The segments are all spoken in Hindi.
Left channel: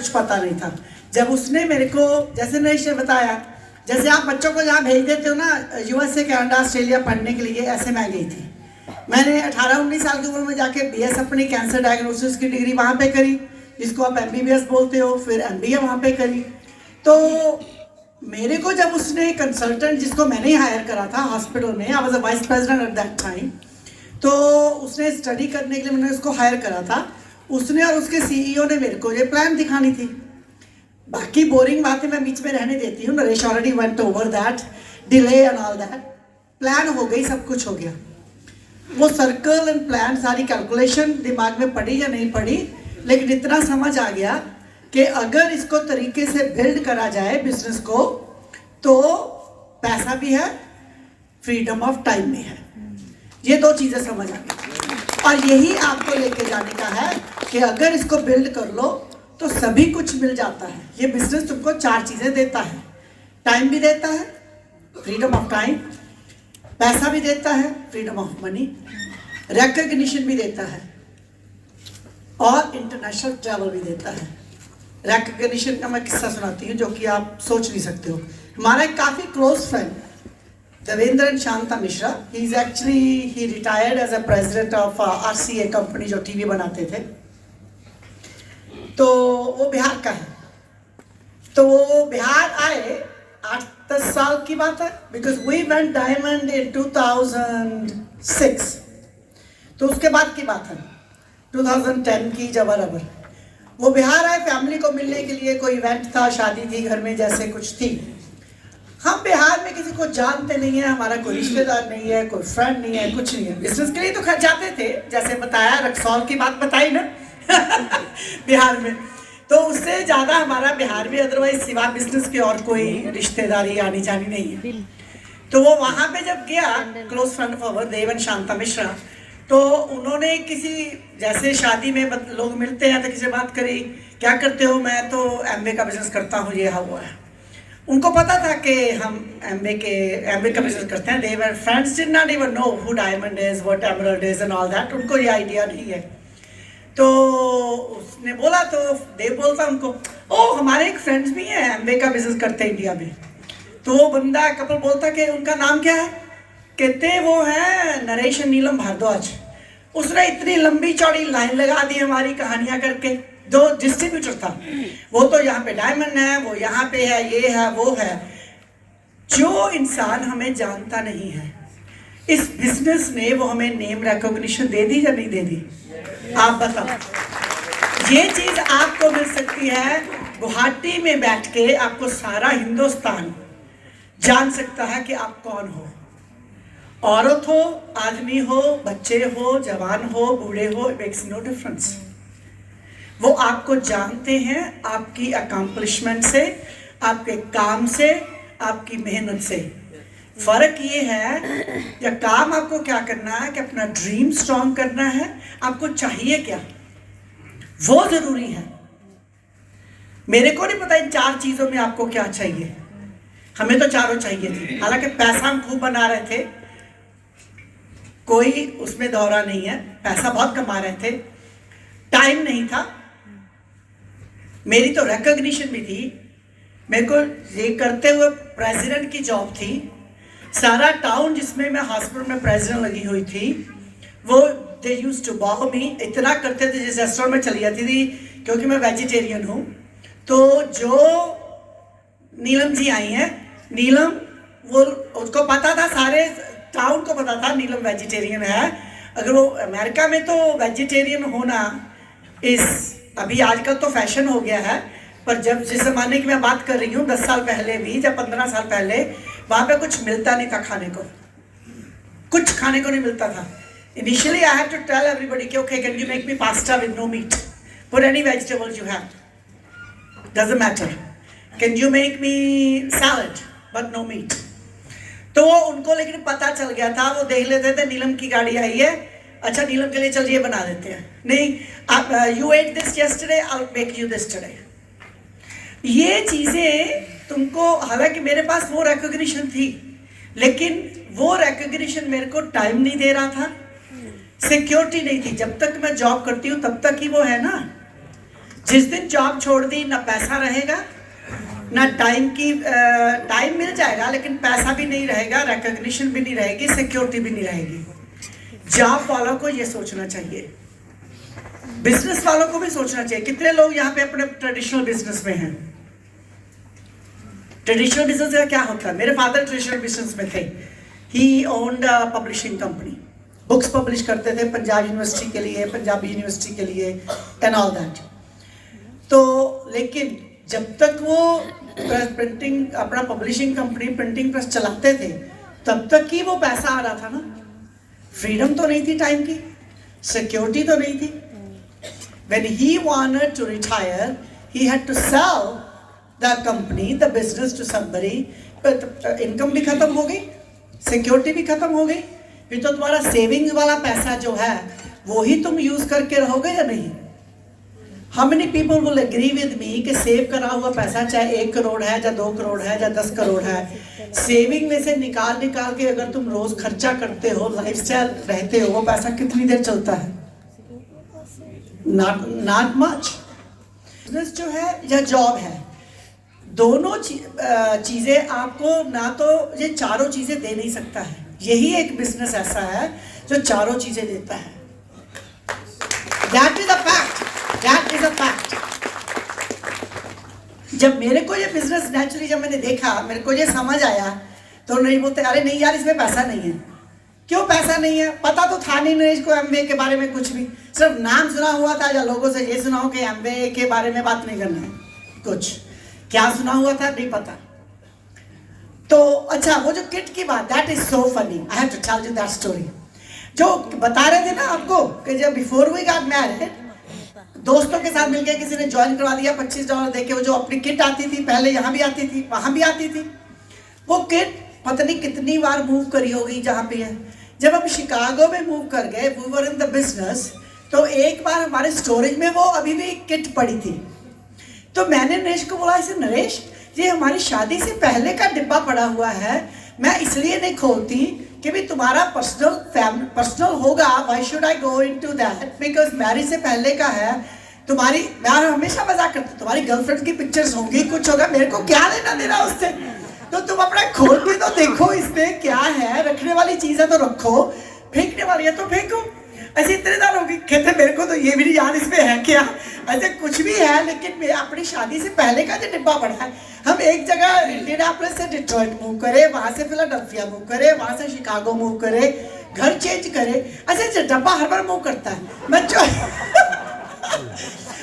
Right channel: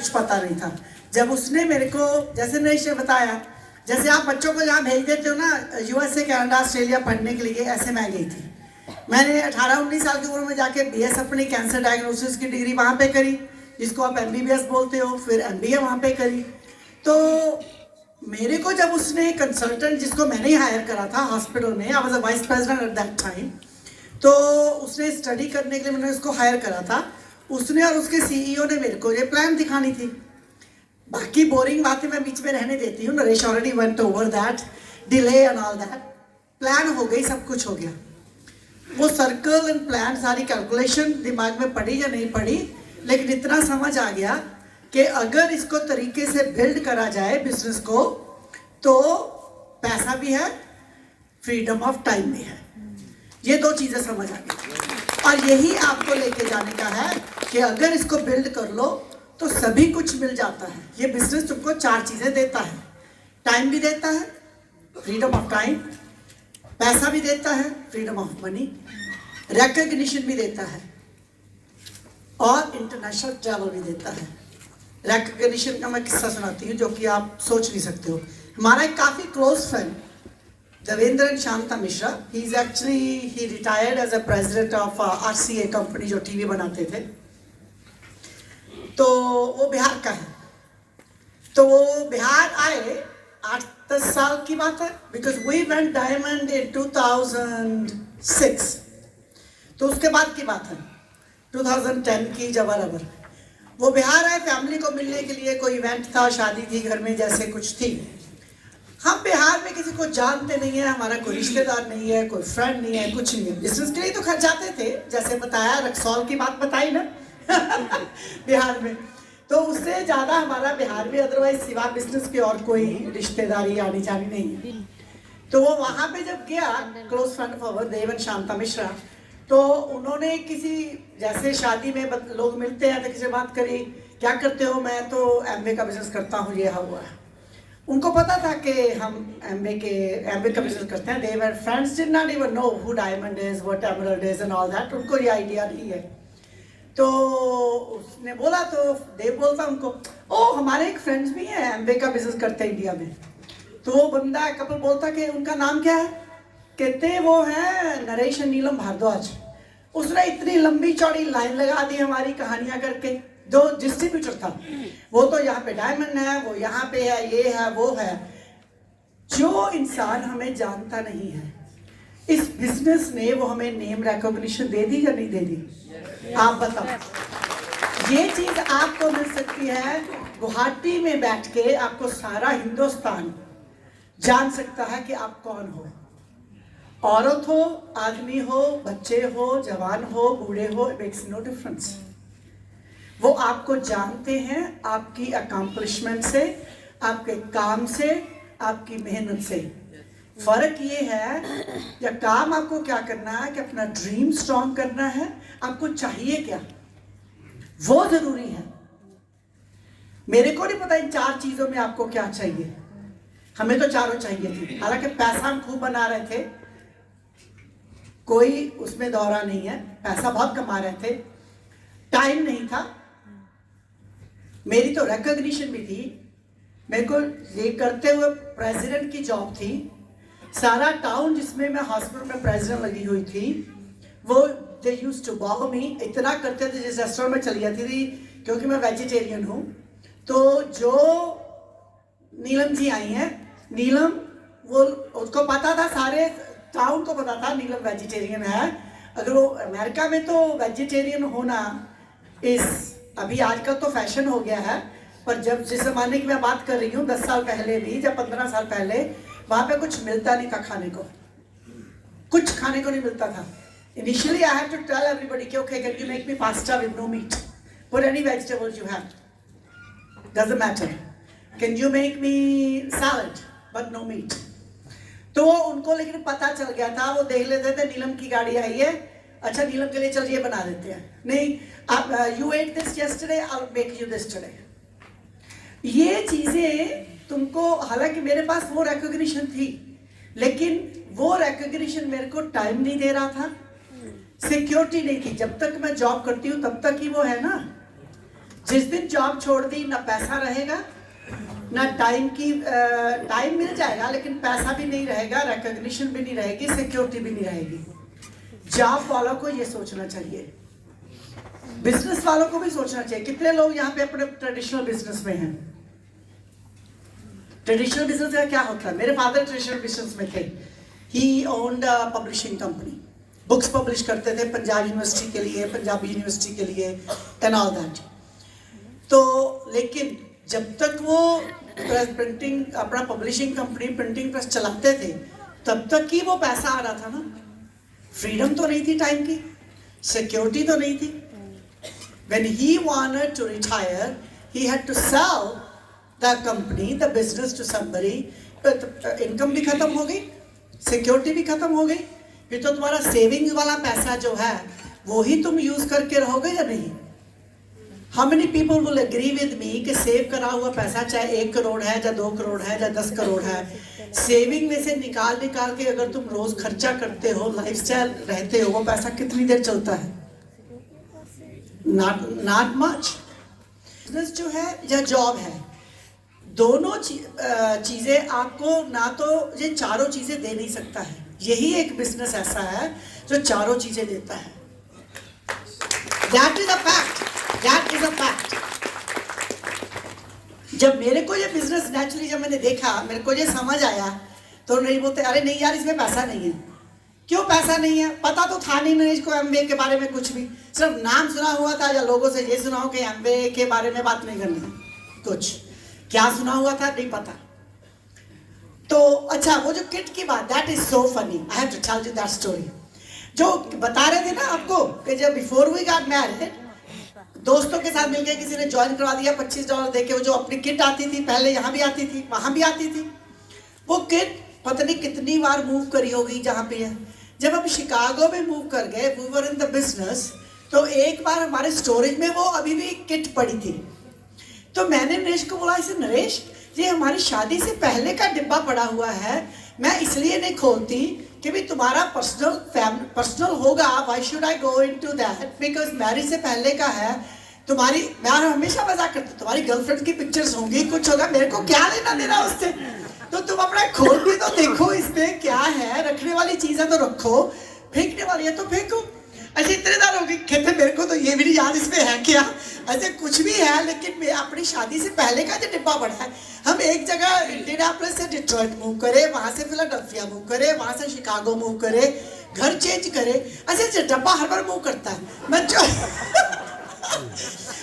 कुछ पता नहीं था। जब उसने मेरे को, जैसे नरेश ने बताया, जैसे आप बच्चों को जहाँ भेज देते हो ना यूएसए, कनाडा, ऑस्ट्रेलिया पढ़ने के लिए, ऐसे मैं गई थी। मैंने 18-19 साल की उम्र में जाके बीएस अपनी कैंसर डायग्नोसिस की डिग्री वहाँ पे करी, जिसको आप एमबीबीएस बोलते हो, फिर एमबीए वहाँ पे करी। तो मेरे को जब उसने कंसल्टेंट, जिसको मैंने ही हायर करा था हॉस्पिटल में, I was a vice president at that time, तो उसने स्टडी करने के लिए मैंने उसको हायर करा था। उसने और उसके सीईओ ने मेरे को ये प्लान दिखानी थी। बाकी बोरिंग बातें मैं बीच में रहने देती हूँ, Naresh already went over that, delay and all that. Plan हो गई, सब कुछ हो गया। वो सर्कल एंड प्लान, सारी कैलकुलेशन दिमाग में पड़ी या नहीं पड़ी, लेकिन इतना समझ आ गया कि अगर इसको तरीके से बिल्ड करा जाए बिजनेस को, तो पैसा भी है, फ्रीडम ऑफ टाइम भी है। ये दो चीजें समझ आ गई, और यही आपको लेके जाने का है कि अगर इसको बिल्ड कर लो तो सभी कुछ मिल जाता है। ये बिजनेस तुमको 4 चीजें देता है, टाइम भी देता है, फ्रीडम ऑफ टाइम, पैसा भी देता है, फ्रीडम ऑफ मनी, रिकॉग्निशन भी देता है, और इंटरनेशनल ट्रैवल भी देता है। रिकॉग्निशन का मैं किस्सा सुनाती हूँ जो कि आप सोच नहीं सकते हो। हमारा एक काफी close friend Devendra and Shanta Mishra, he retired as a president of RCA company, जो टीवी बनाते थे। तो वो बिहार का है। तो वो बिहार आए, 8-10 साल की बात है, because we went diamond in 2006। तो उसके बाद की बात है, 2010 की, जबरबर। वो बिहार आए फैमिली को मिलने के लिए, कोई इवेंट था, शादी थी घर में, जैसे कुछ थी। हम बिहार में किसी को जानते नहीं है, हमारा कोई रिश्तेदार नहीं है, कोई फ्रेंड नहीं है, कुछ नहीं है। बिजनेस के लिए तो खैर जाते थे, जैसे बताया, रक्सौल की बात बताई ना बिहार में, तो उससे ज्यादा हमारा बिहार में अदरवाइज सिवा बिजनेस के और कोई रिश्तेदारी आनी जानी नहीं है। तो वो वहां पे जब गया, close friend of our Dev and Shanta Mishra, तो उन्होंने किसी, जैसे शादी में लोग मिलते हैं तो किसी बात करी, क्या करते हो? मैं तो एमबे का बिजनेस करता हूँ, ये हुआ है। उनको पता था कि हम एमबे का बिजनेस करते हैं। Their friends did not even know who diamond is, what emerald is and all that, उनको ये आइडिया नहीं है। तो उसने बोला, तो देव बोलता उनको, ओ हमारे एक फ्रेंड्स भी हैं एमबे का बिजनेस करते हैं इंडिया में। तो वो बंदा कपल बोलता कि उनका नाम क्या है? कहते वो है नरेश नीलम भारद्वाज। उसने इतनी लंबी चौड़ी लाइन लगा दी हमारी कहानियां करके। दो डिस्ट्रीब्यूटर था, वो तो यहाँ पे डायमंड है, वो यहाँ पे है, ये है, वो है। जो इंसान हमें जानता नहीं है, इस बिजनेस ने वो हमें नेम रिकॉग्निशन दे दी या नहीं दे दी? आप बताओ। ये चीज आपको मिल सकती है गुवाहाटी में बैठ के, आपको सारा हिंदुस्तान जान सकता है कि आप कौन हो। औरत हो, आदमी हो, बच्चे हो, जवान हो, बूढ़े हो, मेक्स नो डिफरेंस। वो आपको जानते हैं आपकी अकम्पलिशमेंट से, आपके काम से, आपकी मेहनत से। फर्क ये है कि काम आपको क्या करना है, कि अपना ड्रीम स्ट्रॉन्ग करना है, आपको चाहिए क्या, वो जरूरी है। मेरे को नहीं पता इन 4 चीजों में आपको क्या चाहिए, हमें तो चारों चाहिए थी। हालांकि पैसा हम खूब बना रहे थे, कोई उसमें दौरा नहीं है, पैसा बहुत कमा रहे थे, टाइम नहीं था। मेरी तो रिकॉग्निशन भी थी, मेरे को ये करते हुए प्रेसिडेंट की जॉब थी। सारा टाउन जिसमें मैं हॉस्पिटल में प्रेसिडेंट लगी हुई थी, वो दे यूज्ड टू बॉ मी, इतना करते थे जिस रेस्टोरेंट में चली जाती थी, क्योंकि मैं वेजिटेरियन हूँ। तो जो नीलम जी आई हैं, नीलम, वो उसको पता था, सारे टाउन को पता था नीलम वेजिटेरियन है। अगर वो अमेरिका में तो वेजिटेरियन होना इस अभी आजकल तो फैशन हो गया है, पर जब जिस जमाने की मैं बात कर रही हूँ, 10 साल पहले भी, जब 15 साल पहले, वहां पे कुछ मिलता नहीं था खाने को, कुछ खाने को नहीं मिलता था। Initially I had to tell everybody कि okay, can you make me pasta with no meat, put any vegetables you have, doesn't matter, can you make me salad but no meat. तो वो उनको लेकिन पता चल गया था, वो देख लेते थे नीलम की गाड़ी आई है, अच्छा नीलम के लिए चलिए बना देते हैं, नहीं आप you at this yesterday, I will make you this today. ये चीजें तुमको, हालांकि मेरे पास वो रिकॉग्निशन थी, लेकिन वो रिकॉग्निशन मेरे को टाइम नहीं दे रहा था, सिक्योरिटी नहीं थी। जब तक मैं जॉब करती हूँ तब तक ही वो है ना, जिस दिन जॉब छोड़ दी, ना पैसा रहेगा, ना टाइम मिल जाएगा लेकिन पैसा भी नहीं रहेगा, रिकॉग्निशन भी नहीं रहेगी, सिक्योरिटी भी नहीं रहेगी। जॉब वालों को ये सोचना चाहिए, बिजनेस वालों को भी सोचना चाहिए। कितने लोग यहाँ पे अपने ट्रेडिशनल बिजनेस में हैं? ट्रेडिशनल बिजनेस का क्या होता है? मेरे फादर ट्रेडिशनल बिजनेस में थे। He owned publishing company, books publish करते थे पंजाब यूनिवर्सिटी के लिए, पंजाबी यूनिवर्सिटी के लिए एंड ऑल दैट। तो लेकिन जब तक वो प्रिंटिंग, अपना पब्लिशिंग कंपनी प्रिंटिंग प्रेस चलाते थे, तब तक ही वो पैसा आ रहा था ना। फ्रीडम तो नहीं थी टाइम की, सिक्योरिटी तो नहीं थी। When he wanted to retire, he had to sell the company, the business to somebody. Income भी खत्म हो गई, सिक्योरिटी भी खत्म हो गई। फिर तो तुम्हारा सेविंग्स वाला पैसा जो है वो ही तुम यूज करके रहोगे या नहीं? How many people will agree with me कि सेव करा हुआ पैसा चाहे 1 करोड़ है या 2 करोड़ है या 10 करोड़ है, सेविंग में से निकाल के अगर तुम रोज खर्चा करते हो, लाइफस्टाइल रहते हो, वो पैसा कितनी देर चलता है? Not much। बिजनेस जो है या जॉब है, दोनों चीजें आपको ना तो ये चारों चीजें दे नहीं सकता है। यही एक बिजनेस ऐसा है जो चारों चीजें देता है। That is a fact। That is a fact। जब मेरे को ये बिजनेस नेचुरली जब मैंने देखा, मेरे को ये समझ आया, तो नहीं बोलते अरे नहीं यार इसमें पैसा नहीं है। क्यों पैसा नहीं है? पता तो था नहीं इसको एमबीए के बारे में कुछ भी, सिर्फ नाम सुना हुआ था या लोगों से ये सुना हो कि एमबीए के बारे में बात नहीं करना, कुछ क्या सुना हुआ था नहीं पता। तो अच्छा, वो जो किट की बात, that is so funny, I have to tell you that story. जो बता रहे थे ना आपको कि जब बिफोर वी गॉट मैरिड, दोस्तों के साथ मिलकर किसी ने ज्वाइन करवा दिया $25 देके। वो जो अपनी किट आती थी, पहले यहाँ भी आती थी वहां भी आती थी, वो किट पता नहीं कितनी बार मूव करी होगी जहाँ पे है। जब हम शिकागो में मूव कर गए, we were in the business, तो एक बार हमारे स्टोरेज में वो अभी भी किट पड़ी थी। तो मैंने नरेश को बोला, इसे नरेश ये हमारी शादी से पहले का डिब्बा पड़ा हुआ है, मैं इसलिए नहीं खोलती कि भी तुम्हारा पर्सनल होगा, why should I go into that, because marriage से पहले का है। तुम्हारी, मैं हमेशा मजाक करती, तुम्हारी गर्लफ्रेंड की पिक्चर्स होंगी, कुछ होगा, मेरे को क्या लेना देना उससे? तो तुम अपना खोल भी तो देखो इसमें क्या है, रखने वाली चीजें तो रखो, फेंकने वाली है तो फेंको। ऐसे इतने दार होगी, कहते मेरे को तो ये भी नहीं याद इसमें है क्या, ऐसे कुछ भी है। लेकिन मैं अपनी शादी से पहले का जो डिब्बा पड़ा है, हम एक जगह इंडियानापोलिस से डिट्रॉइट मूव करे, वहां से फिलाडेल्फिया मूव करे, वहां से शिकागो मूव करे, घर चेंज करे, ऐसे डब्बा हर बार मूव करता है। मैं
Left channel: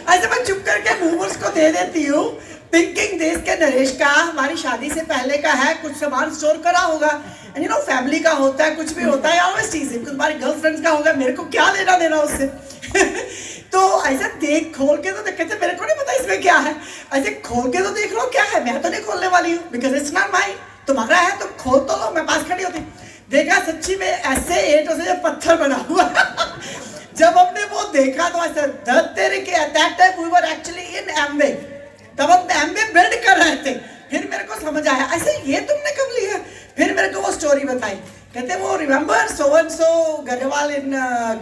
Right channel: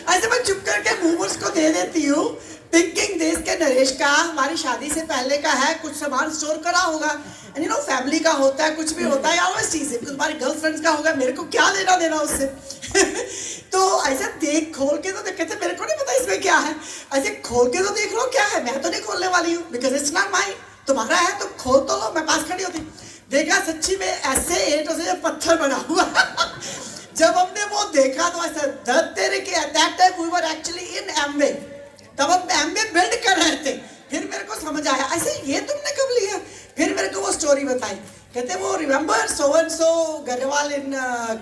ऐसे मैं चुप करके मूवर्स को दे देती हूँ, थिंकिंग दिस के नरेश का हमारी शादी से पहले का है, कुछ सामान स्टोर करा होगा, यू नो फैमिली का होता है, कुछ भी होता है, ऑलवेज चीज है, तुम्हारी गर्लफ्रेंड्स का होगा, मेरे को क्या लेना देना उससे। तो ऐसा देख खोल के तो कहते मेरे को नहीं पता इसमें क्या है, ऐसे खोल के तो देख लो क्या है, मैं तो नहीं खोलने वाली हूँ, बिकॉज इट्स नॉट माइन। तुम्हारा है तो खोल तो लो, मैं पास खड़ी होती। देखा सच्ची में ऐसे ईंटों से पत्थर बना हुआ। जब हमने वो देखा तो ऐसा दर्द तेरे के, at that time we were actually in Amway, तब हम एमवे बिल्ड कर रहे थे। फिर मेरे को समझ आया ऐसे ये तुमने कब लिया। फिर मेरे को वो स्टोरी बताई, कहते वो remember so and so Grewal in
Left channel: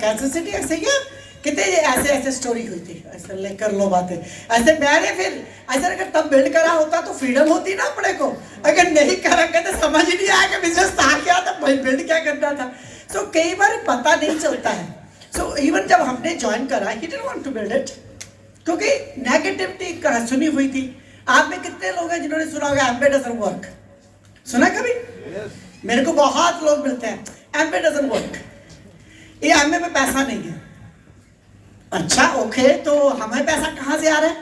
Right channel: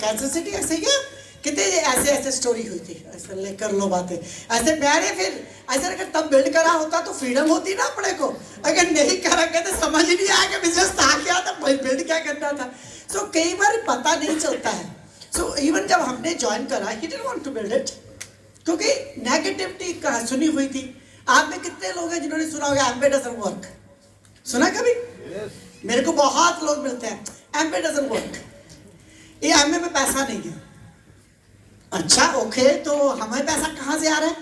cancer city, ऐसे क्या कहते ऐसे ऐसे स्टोरी हुई थी, ऐसे लेकर लो बातें ऐसे। मैंने फिर ऐसे अगर तब बिल्ड करा होता तो फ्रीडम होती ना अपने को, अगर नहीं करा कहते समझ ही नहीं आया कि बिजनेस था क्या था, बिल्ड क्या करना था। सो कई बार पता नहीं चलता है। सो इवन जब हमने ज्वाइन करा, he didn't want to build it, क्योंकि नेगेटिविटी सुनी हुई थी। आप में कितने लोग हैं जिन्होंने सुना होगा एमबे डजंट वर्क? सुना कभी? मेरे को बहुत लोग मिलते हैं, एमबे डजंट वर्क, ये एमबे में पैसा नहीं है। अच्छा ओके, तो हमें पैसा कहाँ से आ रहा है?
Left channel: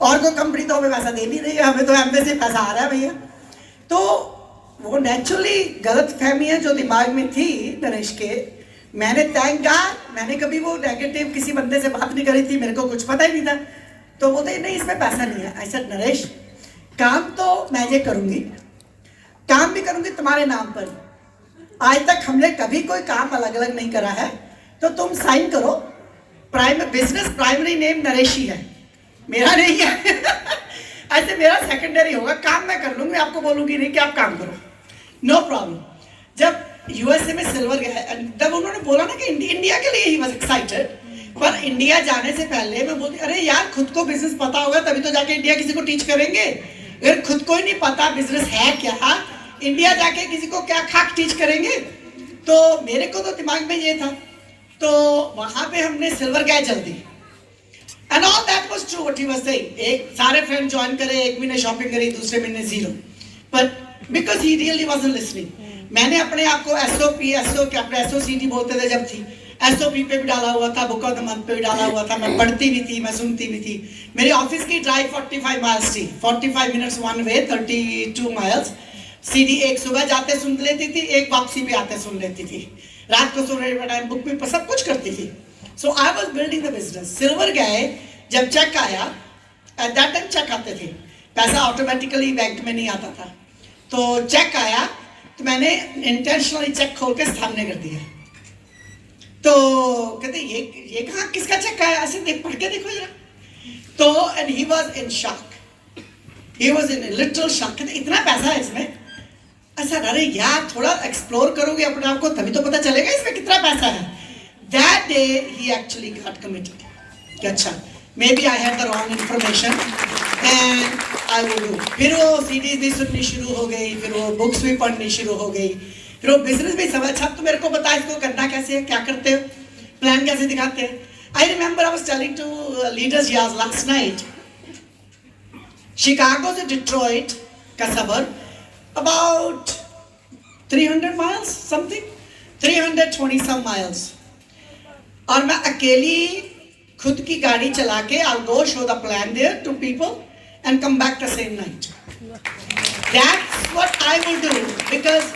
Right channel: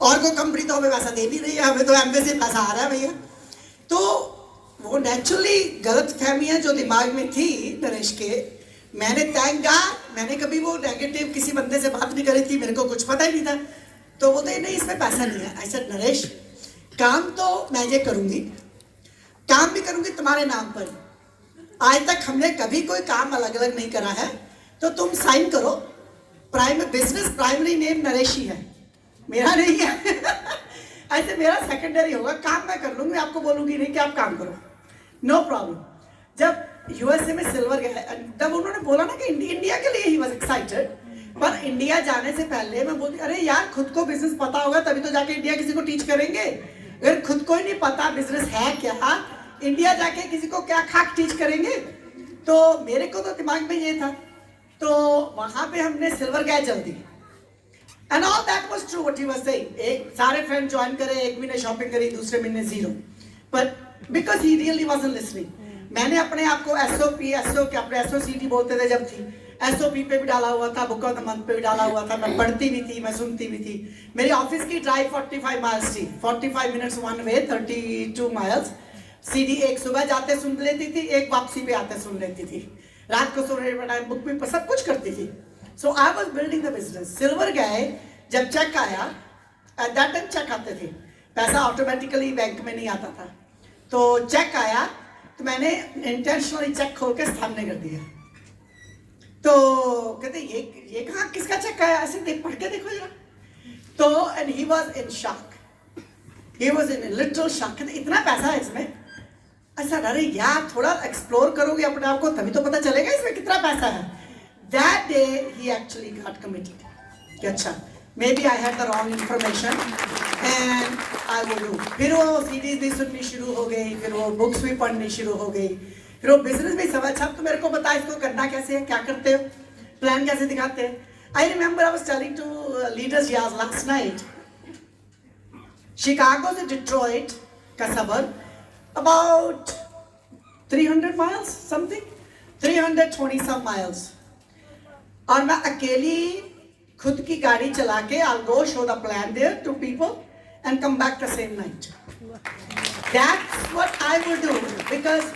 और कोई कंपनी तो हमें पैसा दे नहीं रही है, हमें तो एमबे से पैसा आ रहा है भैया। तो वो नेचुरली गलत फहमियाँ जो दिमाग में थी नरेश के, मैंने थैंक गॉड मैंने कभी वो नेगेटिव किसी बंदे से बात नहीं करी थी, मेरे को कुछ पता ही नहीं था। तो बोलते नहीं इसमें पैसा नहीं है। ऐसा नरेश काम तो मैं ये करूंगी, काम भी करूंगी तुम्हारे नाम पर। आज तक हमने कभी कोई काम अलग अलग नहीं करा है, तो तुम साइन करो, बिजनेस प्राइमरी नेम नरेश ही है, मेरा नहीं है। ऐसे मेरा सेकेंडरी होगा, काम मैं कर लूंगी, आपको बोलूंगी नहीं कि आप काम करो, नो प्रॉब्लम। जब यूएसए में सिल्वर गया, जब उन्होंने बोला ना कि इंडिया के लिए ही वाज एक्साइटेड, पर इंडिया जाने से पहले मैं बोलती अरे यार खुद को बिजनेस पता होगा तभी तो जाके इंडिया किसी को टीच करेंगे, अगर खुद को ही नहीं पता बिजनेस है क्या, इंडिया जाके किसी को क्या खाक टीच करेंगे। तो मेरे को तो दिमाग में ये था, तो वहां पे हमने सिल्वर गाय जल दी and all that was true what he was saying. एक सारे फ्रेंड ज्वाइन करे, एक महीने शॉपिंग करी, दूसरे महीने zero, but because he really wasn't listening. मैंने अपने आप को एसओसीटी बोलते थे जब थी, एसओपी पे भी डाला हुआ था, बुक ऑफ द मंथ पे भी डाला हुआ था, मैं पढ़ती भी थी, मैं सुनती भी थी। मेरी ऑफिस की ड्राइव 45 माइल्स थी, 45 मिनट्स वन वे, 32 माइल्स। सीधी एक सुबह जाते सुन लेती थी, एक वापसी पे आते सुन लेती थी, रात को सोने के टाइम बुक भी सब कुछ करती थी। So I was building the business. Silver गए जब चेक आया, एट दैट टाइम चेक आते थे, पैसा ऑटोमेटिकली बैंक में नहीं आता था, तो चेक आया तो मैंने इंटेंशनली चेक खोल के सामने कर दिया। तो कहते ये कहाँ किसका चेक आया, ऐसे देख पढ़ के देखो जरा। तो and he was in shock, he was in little shock, कहते इतना पैसा है इसमें। अच्छा अरे यार थोड़ा एक्सप्लोर करोगे अपने आप को तभी तो पता चलेगा इसमें कितना पैसा है। That day he actually got committed कि अच्छा may be I had the wrong information and I will do. फिर वो सीरीज भी सुननी शुरू हो गई, फिर वो बुक्स भी पढ़नी शुरू हो गई, फिर वो बिजनेस भी समझ। अच्छा तो मेरे को बता इसको करना कैसे है, क्या करते हो, प्लान कैसे दिखाते हैं। I remember I was telling to leaders यार लास्ट नाइट, शिकागो से डिट्रॉइट का सबर about 300 miles something, 320 some miles, और मैं अकेली खुद की गाड़ी चला के I'll go show the plan there to people and come back the same night. That's what I will do because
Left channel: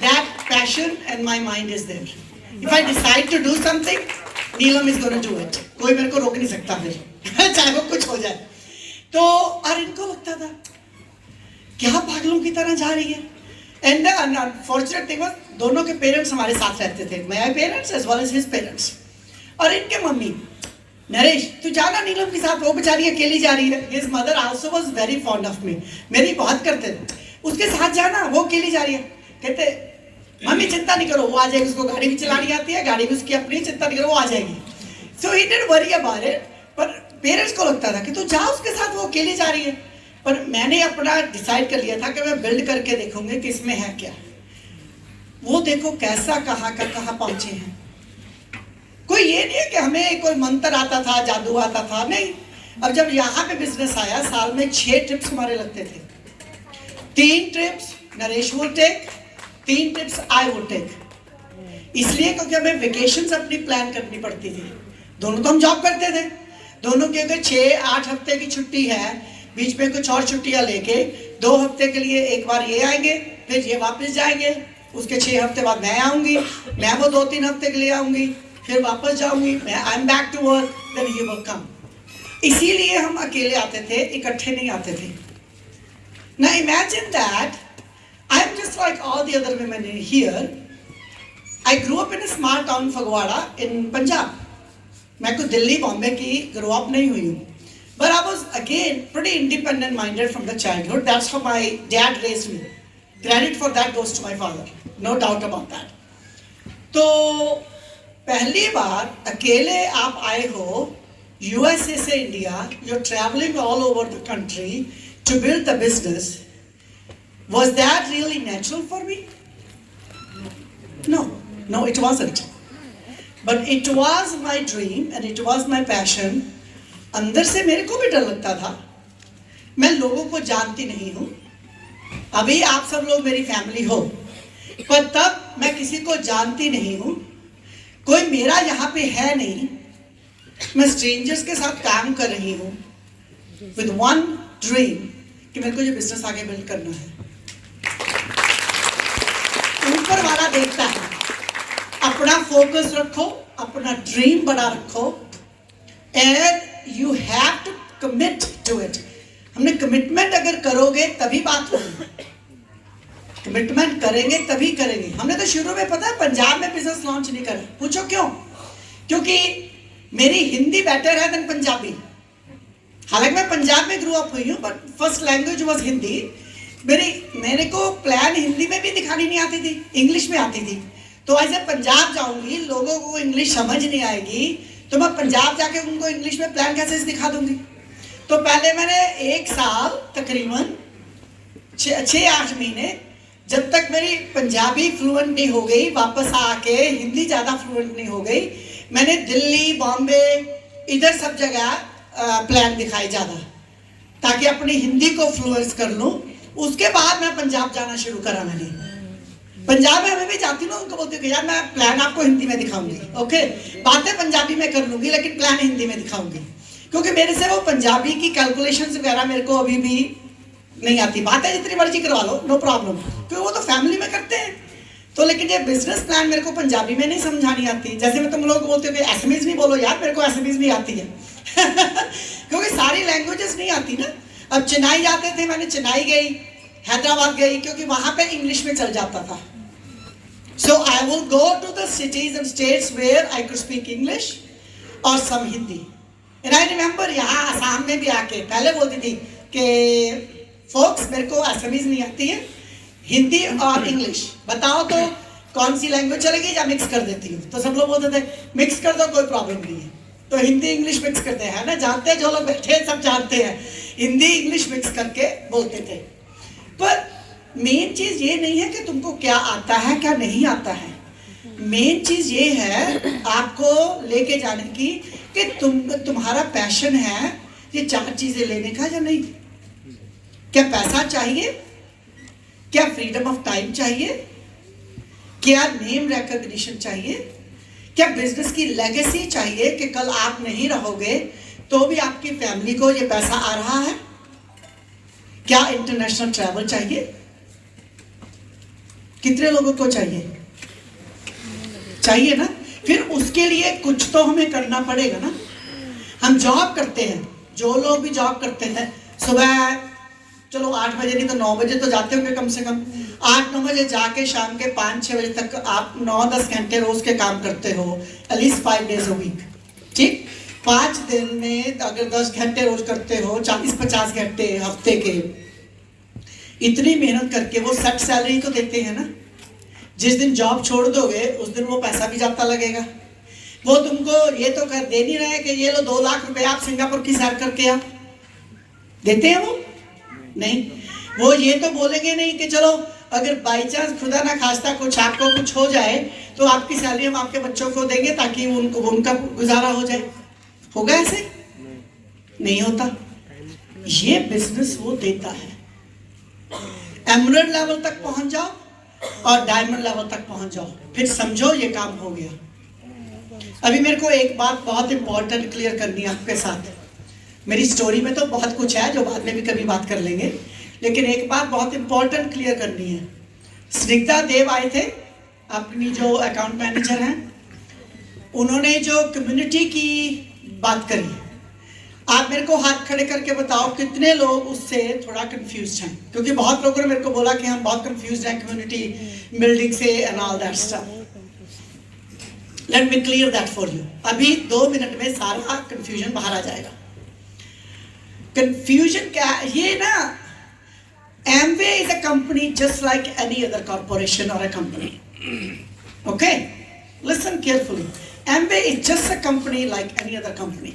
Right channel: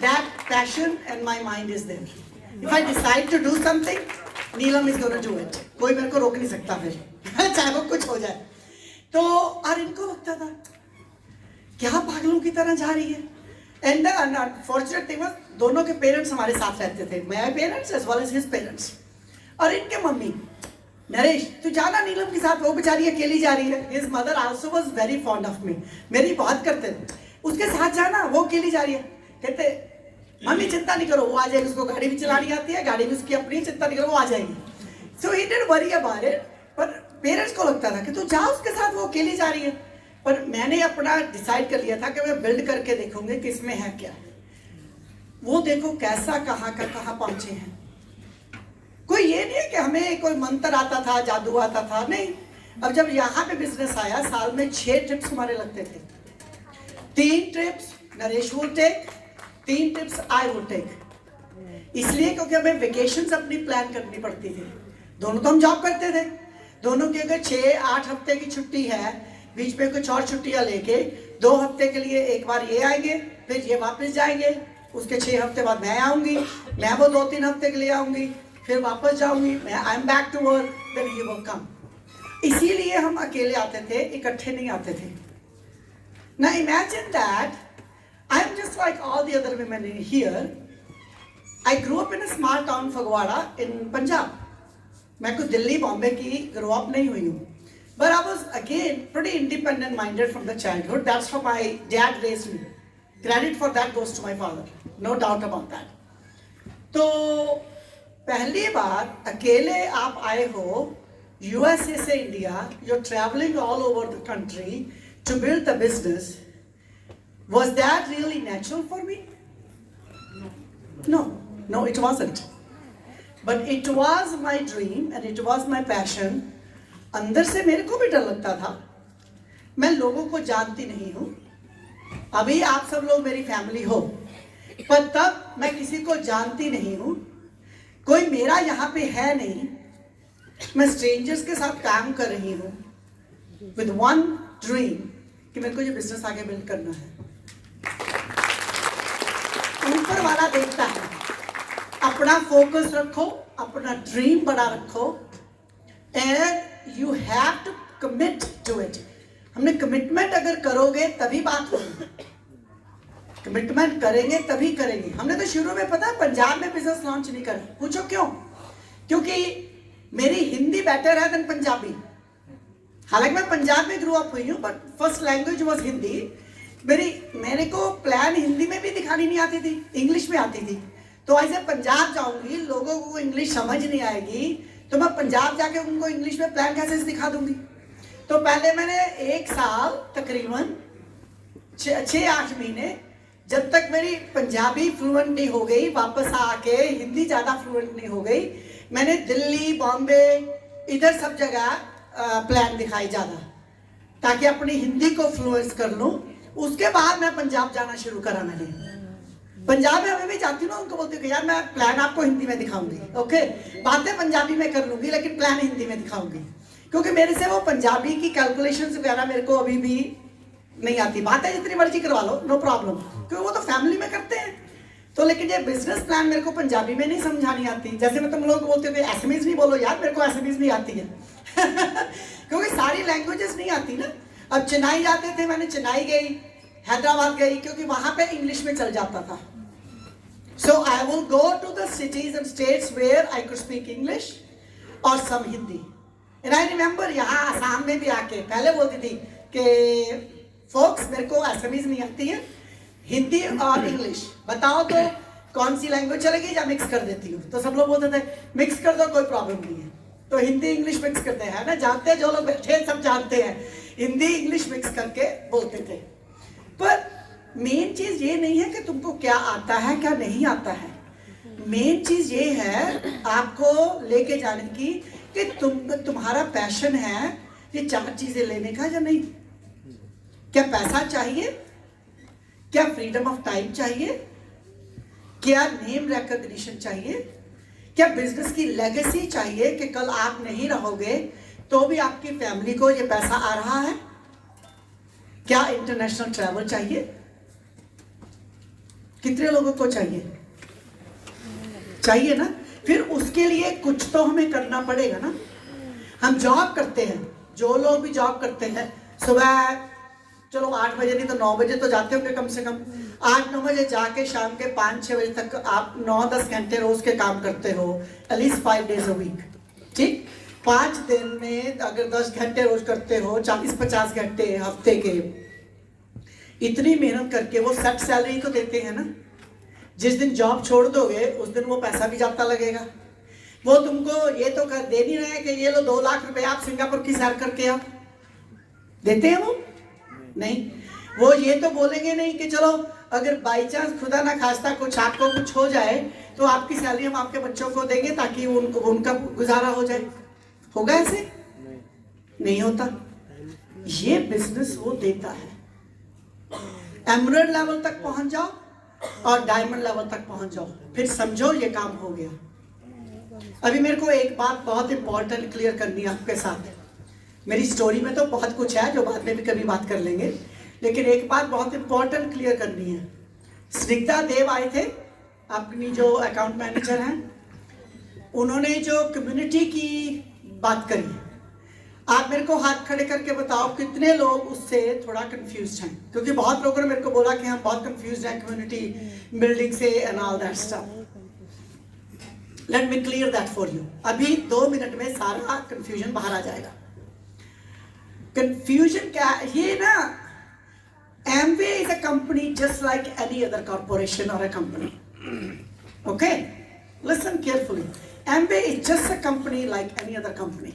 that passion and my mind is there. If I decide to do something, Neelam is going to do it. कोई मेरे को रोक नहीं सकता फिर चाहे वो कुछ हो जाए। तो और इनको लगता था क्या पागलों की तरह जा रही है। एंड अनफॉर्चुनेट थिंग वाज दोनों के पेरेंट्स हमारे साथ रहते थे, my parents as well as his parents, और इनके मम्मी नरेश तू जाना नीलम के साथ, वो बेचारी अकेली जा रही है। His mother also was very fond of me, मेरी बहुत करते थे, उसके साथ जाना, वो अकेली जा रही है। कहते मम्मी चिंता नहीं करो वो आ जाएगी, उसको गाड़ी भी चलानी आती है, गाड़ी भी उसकी अपनी, चिंता नहीं करो वो आ जाएगी। So he didn't worry about it, पर पेरेंट्स को लगता था कि तू जा उसके साथ, वो अकेली जा रही है। पर मैंने अपना डिसाइड कर लिया था कि मैं बिल्ड करके देखूंगी कि इसमें है क्या। वो देखो कैसा कहाँ का कहाँ पहुंचे हैं। कोई ये नहीं है कि हमें कोई मंत्र आता था, जादू आता था, नहीं। अब जब यहाँ पे बिजनेस आया, साल में 6 ट्रिप्स हमारे लगते थे। 3 trips Naresh would take, 3 trips I would take. इसलिए क्योंकि हमें वेकेशंस अपनी प्लान करनी पड़ती थी। दोनों तो हम जॉब करते थे, दोनों की अगर 6-8 हफ्ते की छुट्टी है, बीच में कुछ और छुट्टियां लेके 2 हफ्ते के लिए एक बार ये आएंगे, फिर ये वापस जाएंगे, उसके 6 हफ्ते बाद मैं आऊंगी, मैं वो 2-3 हफ्ते के लिए आऊंगी, फिर वापस जाऊंगी, मैं I am back to work, then he will come. इसीलिए हम अकेले आते थे, इकट्ठे नहीं आते थे। Now imagine that I am just like all the other women here. I grow up in a small town Phagwara in Punjab. मैं कोई दिल्ली बॉम्बे की ग्रो अप नहीं हुई हूँ, but I was again pretty independent minded from the childhood. That's how my dad raised me. Credit for that goes to my father, no doubt about that. तो पहली बार अकेले आप आए हो USA से India, you're traveling all over the country to build the business. Was that really natural for me? No, it wasn't. But it was my dream and it was my passion. अंदर से मेरे को भी डर लगता था, मैं लोगों को जानती नहीं हूँ। अभी आप सब लोग मेरी फैमिली हो, पर तब मैं किसी को जानती नहीं हूँ, कोई मेरा यहाँ पे है नहीं। मैं स्ट्रेंजर्स के साथ काम कर रही हूँ विद वन ड्रीम कि मेरे को ये बिजनेस आगे बिल्ड करना है। ऊपर वाला देखता है, अपना फोकस रखो, अपना ड्रीम बड़ा रखो, and you have to commit to it. हमने कमिटमेंट अगर करोगे तभी बात होगी, कमिटमेंट करेंगे तभी करेंगे। हमने तो शुरू में पता है पंजाब में बिजनेस लॉन्च नहीं करा। पूछो क्यों? क्योंकि मेरी हिंदी बेटर है देन पंजाबी। हालांकि मैं पंजाब में ग्रो अप हुई हूँ, but first language was Hindi. मेरे को प्लान हिंदी में भी दिखानी नहीं आती थी, इंग्लिश में आती थी। तो ऐसे पंजाब जाऊंगी, लोगों को इंग्लिश समझ नहीं आएगी, तो मैं पंजाब जाके उनको इंग्लिश में प्लान कैसे दिखा दूंगी? तो पहले मैंने 1 साल तकरीबन 6-8 महीने, जब तक मेरी पंजाबी फ्लुएंट नहीं हो गई, वापस आके हिंदी ज़्यादा फ्लुएंट नहीं हो गई, मैंने दिल्ली, बॉम्बे, इधर सब जगह प्लान दिखाई ज़्यादा, ताकि अपनी हिंदी को फ्लुएंस कर लूँ। उसके बाद मैं पंजाब जाना शुरू करा। मैंने पंजाब में हमें भी जाती हूँ, उनको बोलती हूँ कि यार मैं प्लान आपको हिंदी में दिखाऊंगी, ओके, बातें पंजाबी में कर लूँगी लेकिन प्लान हिंदी में दिखाऊंगी, क्योंकि मेरे से वो पंजाबी की कैलकुलेशंस वगैरह मेरे को अभी भी नहीं आती। बातें जितनी मर्जी करवा लो, नो प्रॉब्लम, क्योंकि वो तो फैमिली में करते हैं। तो लेकिन ये बिजनेस प्लान मेरे को पंजाबी में नहीं समझानी आती। जैसे मैं तुम लोगों को बोलती हूँ कि एसएमएस नहीं बोलो यार, मेरे को एसएमएस नहीं आती है क्योंकि सारी लैंग्वेजेस नहीं आती ना। अब चेन्नई जाते थे, मैंने चेन्नई गई, हैदराबाद गई, क्योंकि वहां पे इंग्लिश में चल जाता था। So I will go to the cities and states where I could speak English और some Hindi. And I remember यहाँ आसाम में भी आके पहले बोलती थी कि फोक्स मेरे को एसएमएस नहीं आती है, हिंदी और इंग्लिश बताओ तो कौन सी लैंग्वेज चलेगी, या मिक्स कर देती हूँ। तो सब लोग बोलते थे मिक्स कर दो, कोई प्रॉब्लम नहीं है। तो हिंदी इंग्लिश मिक्स करते हैं ना, जानते हैं जो लोग बैठे हैं सब जानते हैं, हिंदी इंग्लिश मिक्स करके बोलते थे। पर मेन चीज ये नहीं है कि तुमको क्या आता है क्या नहीं आता है, मेन चीज ये है आपको लेके जाने की कि तुम्हारा पैशन है ये 4 चीजें लेने का या नहीं। क्या पैसा चाहिए, क्या फ्रीडम ऑफ टाइम चाहिए, क्या नेम रिकॉग्निशन चाहिए, क्या बिजनेस की लेगेसी चाहिए कि कल आप नहीं रहोगे तो भी आपकी फैमिली को ये पैसा आ रहा है, क्या इंटरनेशनल ट्रैवल चाहिए, कितने लोगों को चाहिए? चाहिए ना। फिर उसके लिए कुछ तो हमें करना पड़ेगा ना। हम जॉब करते हैं, जो लोग भी जॉब करते हैं, सुबह चलो 8 बजे नहीं तो 9 बजे तो जाते होंगे, कम से कम 8-9 बजे जाके शाम के 5-6 बजे तक आप 9-10 घंटे रोज के काम करते हो, एटलीस्ट 5 डेज अ वीक, ठीक। 5 दिन में अगर 10 घंटे रोज करते हो, 40-50 घंटे हफ्ते के, इतनी मेहनत करके वो 60 सैलरी तो देते हैं ना। जिस दिन जॉब छोड़ दोगे उस दिन वो पैसा भी जाता लगेगा। वो तुमको ये तो कर दे नहीं रहे कि ये लो 2 लाख रुपए आप सिंगापुर की सैर करके आओ, देते हैं वो? नहीं। वो ये तो बोलेंगे नहीं कि चलो अगर बाई चांस खुदा ना खास्ता कुछ आपको कुछ हो जाए तो आपकी सैलरी हम आपके बच्चों को देंगे ताकि उनका गुजारा हो जाए। होगा ऐसे? नहीं होता। ये बिजनेस वो देता है। एमरेल्ड लेवल तक पहुंच जाओ और डायमंड लेवल तक पहुंच जाओ, फिर समझो ये काम हो गया। अभी मेरे को एक बात बहुत इंपॉर्टेंट क्लियर करनी है आपके साथ। मेरी स्टोरी में तो बहुत कुछ है जो बाद में भी कभी बात कर लेंगे, लेकिन एक बात बहुत इंपॉर्टेंट क्लियर करनी है। स्निग्धा देव आए थे, अपनी जो अकाउंट मैनेजर हैं, उन्होंने जो कम्युनिटी की बात करी, आप मेरे को हाथ खड़े करके बताओ कितने लोग उससे थोड़ा कंफ्यूज हैं? क्योंकि बहुत लोगों ने मेरे को बोला कि हम बहुत कंफ्यूज हैं कम्युनिटी बिल्डिंग से and all that stuff. Let me clear that for you. अभी 2 मिनट में सारा कंफ्यूजन बाहर आ जाएगा। कंफ्यूजन क्या ये ना, Amway is a company just like any other corporation or a company. Okay, listen carefully. Amway is just a company like any other company.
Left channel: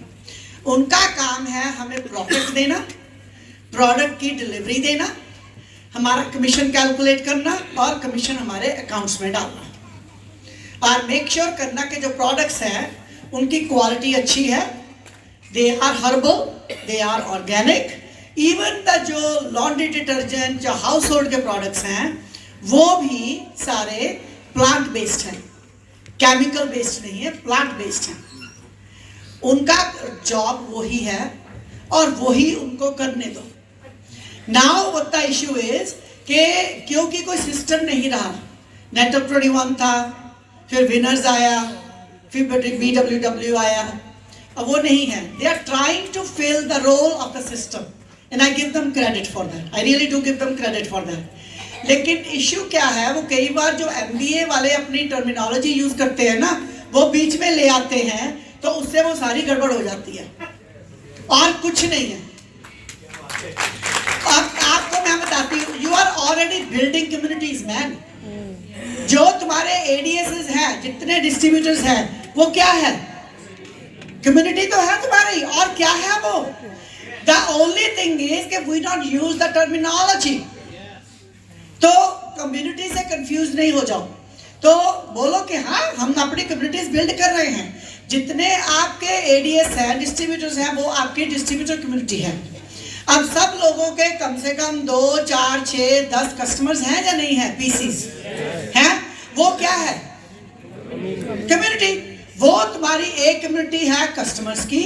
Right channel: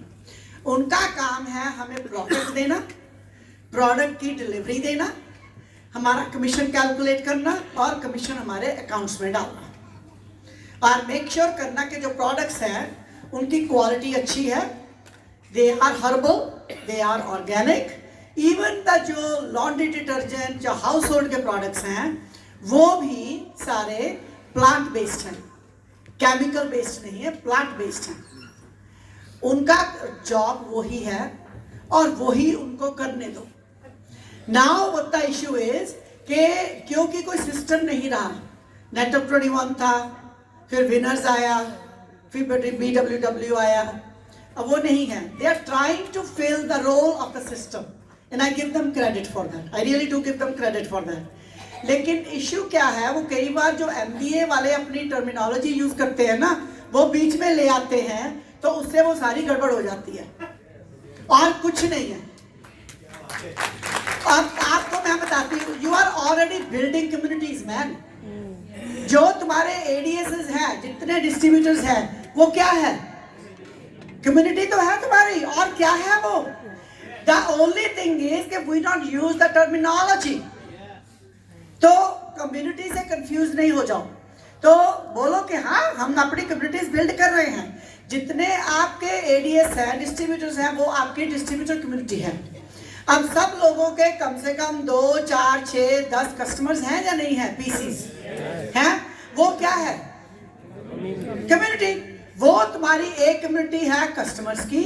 उनका काम है हमें प्रोडक्ट देना, प्रोडक्ट की डिलीवरी देना, हमारा कमीशन कैलकुलेट करना और कमीशन हमारे अकाउंट्स में डालना, और मेक श्योर करना कि जो प्रोडक्ट्स हैं उनकी क्वालिटी अच्छी है, they are herbal, they are organic. Even the जो लॉन्ड्री डिटर्जेंट, जो हाउस होल्ड के प्रोडक्ट्स हैं वो भी सारे प्लांट बेस्ड हैं, केमिकल बेस्ड नहीं है, प्लांट बेस्ड हैं। उनका जॉब वही है और वही उनको करने दो। Now what the issue is कि क्योंकि कोई सिस्टम नहीं रहा, नेटवर्क 21 था, फिर विनर्स आया, फिर BWW आया, अब वो नहीं है। They are trying to fill the role of the system and I give them credit for that, I really do give them credit for that. लेकिन इश्यू क्या है, वो कई बार जो MBA वाले अपनी टर्मिनोलॉजी यूज करते हैं ना, वो बीच में ले आते हैं तो उससे वो सारी गड़बड़ हो जाती है और कुछ नहीं है। अब आपको मैं बताती हूँ, you are already building communities man. जो तुम्हारे ADSs हैं, जितने डिस्ट्रीब्यूटर्स हैं, वो क्या है? कम्युनिटी तो है तुम्हारी, और क्या है वो? द ओनली थिंग इज कि we not use the terminology. तो कम्युनिटी से कंफ्यूज नहीं हो जाओ, तो बोलो कि हाँ हम अपनी कम्युनिटीज बिल्ड कर रहे हैं। जितने आपके एडीएस हैं, डिस्ट्रीब्यूटर्स हैं, वो आपकी डिस्ट्रीब्यूटर कम्युनिटी है। अब सब लोगों के कम से कम 2, 4, 6, 10 कस्टमर्स हैं या नहीं है? पीसीस हैं। वो क्या है? कम्युनिटी। वो तुम्हारी एक कम्युनिटी है कस्टमर्स की,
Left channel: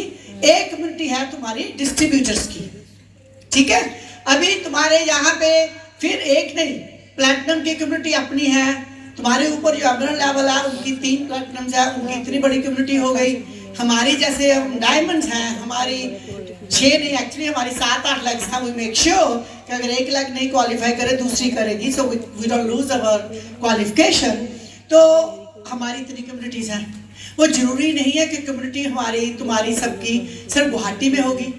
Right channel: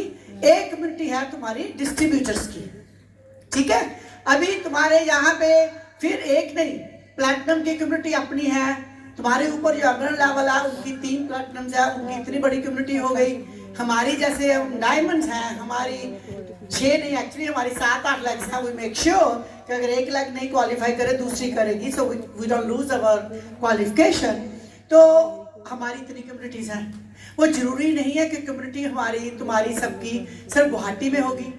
एक कम्युनिटी है तुम्हारी डिस्ट्रीब्यूटर्स की। ठीक है, अभी तुम्हारे यहाँ पे फिर एक नहीं, प्लैटिनम की कम्युनिटी अपनी है। तुम्हारे ऊपर जो अग्रणी लेवल है उनकी 3 प्लैटिनम्स है, उनकी इतनी बड़ी कम्युनिटी हो गई। हमारी जैसे डायमंड्स हैं, हमारी 6 नहीं, एक्चुअली हमारी 7-8 लैक्स हैं। वी मेक श्योर कि अगर एक लाख नहीं क्वालिफाई करे दूसरी करेगी, so we don't lose our qualification. तो हमारी इतनी कम्युनिटीज हैं। वो जरूरी नहीं है कि कम्युनिटी हमारी तुम्हारी सबकी सिर्फ गुवाहाटी में होगी।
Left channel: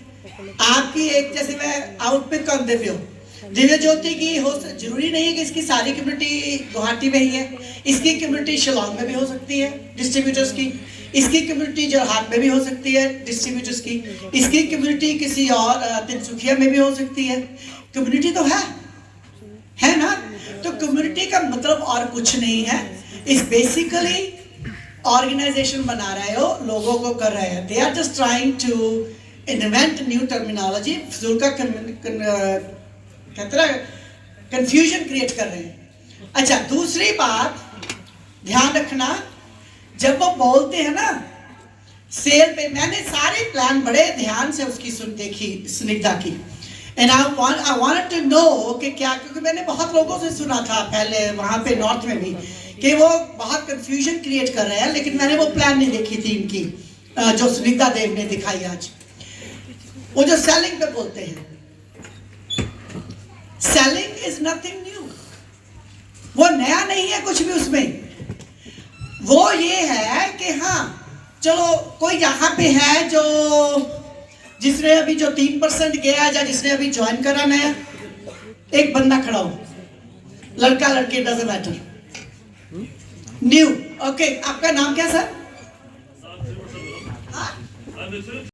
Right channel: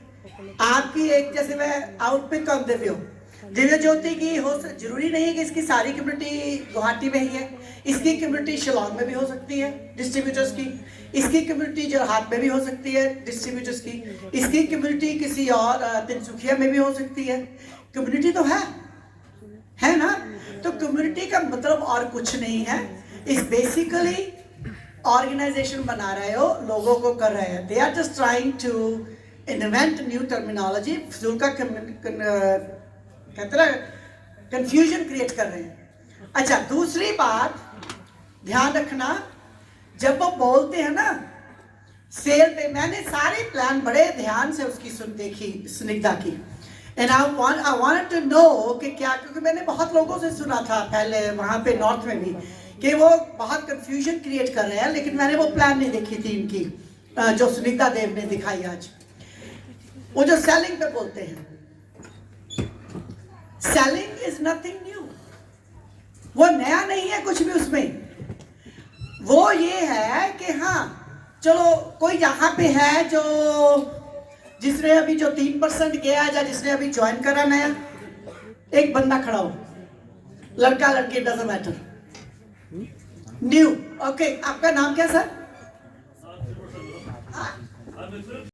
आपकी एक, जैसे मैं आउटपिक ऑन दिव्य ज्योति की हो, जरूरी नहीं है कि इसकी सारी कम्युनिटी गुवाहाटी में ही है। इसकी कम्युनिटी शिलोंग में भी हो सकती है डिस्ट्रीब्यूटर्स की, इसकी कम्युनिटी जोरहाट में भी हो सकती है डिस्ट्रीब्यूटर्स की, इसकी कम्युनिटी किसी और तिनसुखिया में भी हो सकती है। कम्युनिटी तो है ना? तो कम्युनिटी का मतलब और कुछ नहीं है, इस बेसिकली ऑर्गेनाइजेशन बना रहे हो, लोगों को कर रहे हैं। They are just trying to invent new terminology, फिजूल का कंफ्यूजन क्रिएट कर रहे हैं। अच्छा, दूसरी बात ध्यान रखना, जब वो बोलते हैं ना सेल पे, मैंने सारे प्लान बड़े ध्यान से उसकी देखी स्निग्धा की, and I wanted to know कि क्या, क्योंकि मैंने बहुत लोगों से सुना था पहले वहां पे नॉर्थ में भी कि वो बहुत कंफ्यूजन क्रिएट कर रहे हैं, लेकिन मैंने वो प्लान नहीं देखी थी इनकी जो स्निग्धा देव ने दिखाई आज। वो जो सेलिंग पे बोलते हैं, सेलिंग इज नथिंग न्यू, वो नया नहीं है कुछ भी उसमें। वो ये है कि हाँ चलो कोई यहाँ पे है जो जिसने अभी जो 3% गया या जिसने अभी ज्वाइन करा नया, एक बंदा खड़ा हो, लड़का लड़की डजंट मैटर, न्यू। ओके, आपका नाम क्या सर?